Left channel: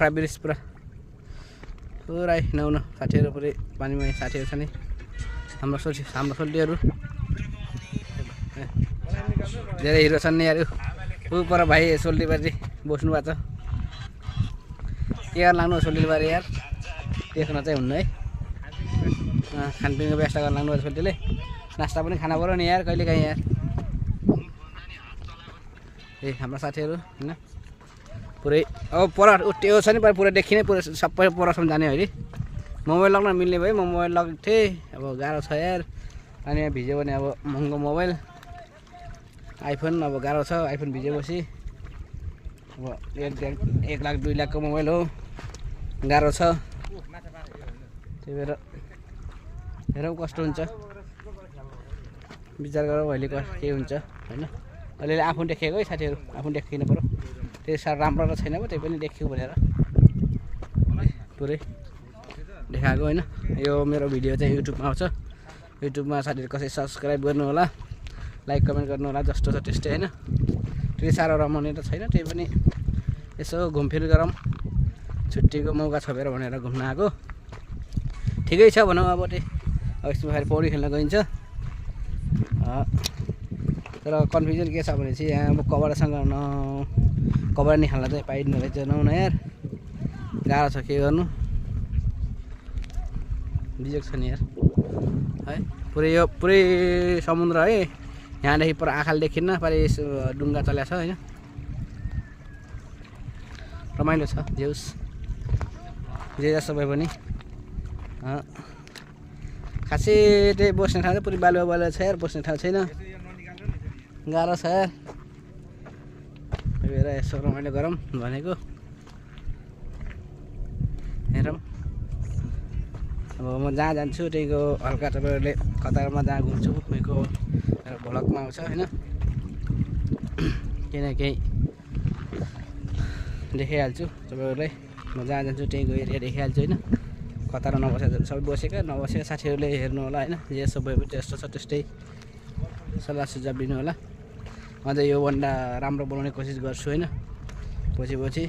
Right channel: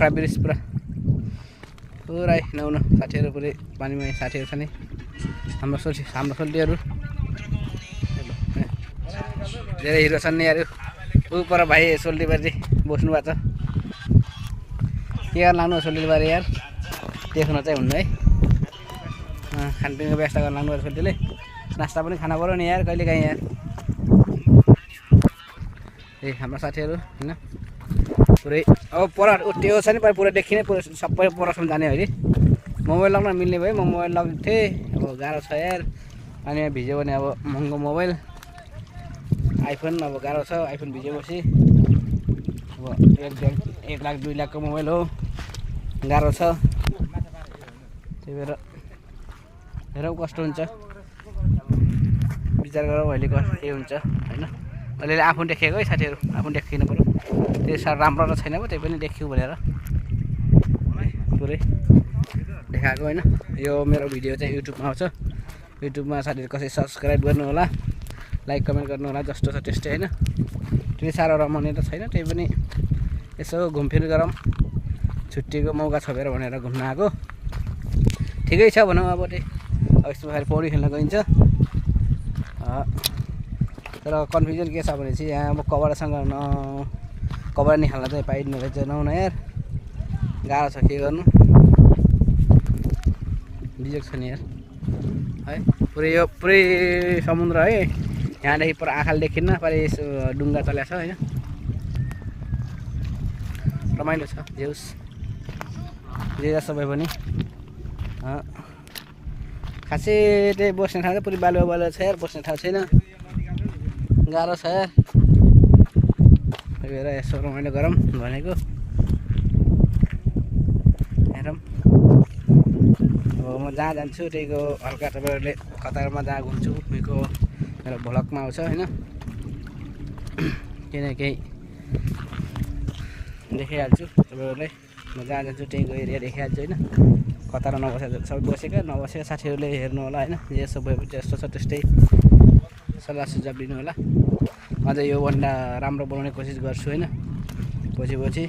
Pokhara bridge पुरै नुहाउन साथीहरू पुरै पानीमा साथीहरू छ नि हाम्रो सोल्टीहरू धेरै हिरो छन् नि यार ऊ पर भाइ सोल्टीबारी बस्नु भएको छ के गर्न लाग्नु सोल्टीबारी यार देख्न चाहिँ हुन्न है खानपिनको व्यवस्था गर्न लाग्नु भएको सोल्टीले नास्ता पनि खाना पर्यो नि यार कहिले काहीँ यार हाम्रो साथीहरू होइन पुरै अब पर त्यो छ नि पुरा देखिने पुरा सबै परसम्म जाने हो कि मोबाइल लग्न मिल्ने भयो म मोबाइल लगेको थिएँ अब गाह्रो छ यार पानीमा भिज्यो भने अब महँगो मोबाइल आइफोन अब गाह्रो छ आइफोन भिजेपछि अब 1 लाख 2 लाखको मोबाइल हो गाह्रो छ त्यही भएर हेरौँ कस्तो हुन्छ विचार गरौँ अहिले के हुन्छ होइन अलिअलि आफू देखेको है साथीहरू आफू देखिनु पऱ्यो त्यो साह्रो राम्रो त छैन पो त्यही पनि देखियो भनेर पुरै देखाएको होइन यो मेरो भिडियो चाहिँ युट्युबमा आउँछ युट्युबमा साथीहरू कसै सब्सक्राइब गर्नु होला लाइक कमेन्ट गर्नु होला जस्तो छ त्यस्तै होइन त्यति साह्रो रमाउने त छैन त्यही पनि यसो घुमफिर गरौँ छुट्टीको मौका छोपेर भनेर घुम्न आएको ठिकै छ भनौँ अब त्यही अब यसमा फेरि पौडी खेल्न गइन्छ तर कन्फ्युजन के छ भने चाहिँ यहाँ अब कपडासँग कपडा निकाल्न चाहिँ पाइँदैन रहेछ नहुन यार गाह्रो छ के गर्नु बिजोग छ नि यार है पुरै समुद्र है यहाँदेखि पर आँखाले देखिन्न पारि डुङ्गा चल्या छ होइन रमाइलो छ जेउस जे जस्तो भए पनि खासै त्यही बस्ने ठाउँ चाहिँ पुरै बालुवा छ यार बस्ने ठाउँ छैन गाह्रो छ यार त्यही भएर यसो रमाइलो गरौँ भनेको हेरौँ अब म जहाँ जान्छु त्यहीको हल्का तपाईँहरूले कतारमा जहाँ घुम्छु मेरो भ्लगमा आउँछ होइन केही न केही देखाइहाल्छु तपाईँहरूलाई म जहाँ जान्छु त्यहीँको एरिया देखाइहाल्छु होइन कतार नबसेको सबै बसेका नबसेका साथीहरूले हेर्नु होला होइन जस्तो भयो जस्तो छ त्यस्तै सल्लाह सुझाव दिनु होला अझै योभन्दा राम्रो बनाउने कोसिस गर्छु होइन पछि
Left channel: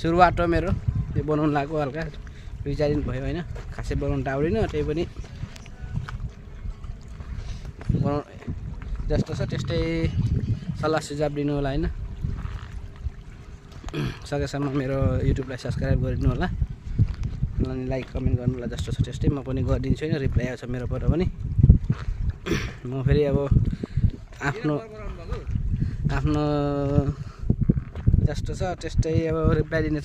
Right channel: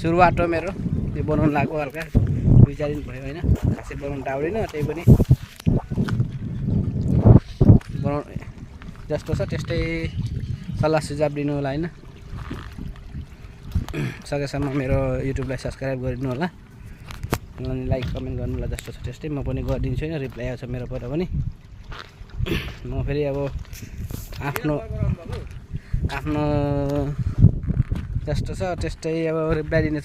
सुरुवात हो मेरो यो बनाउनु लाग्यो हल्का 2-4 दिन भयो होइन खासै बनाउनु त आउँदैन त्यही पनि बनाउ जस्तो छ त्यस्तै सल्लाह सुझाव दिनु होला होइन सकेसम्म मेरो युट्युबलाई सब्सक्राइब गरिदिनु होला अनि लाइक कमेन्ट गर्नु होला जस्तो छ त्यस्तै म पनि गरिदिन्छु होइन रिप्लाई आउँछ मेरोबाट पनि म फेरि अब आफ्नो जस्तो छ त्यस्तै अब रिप्लाई दिने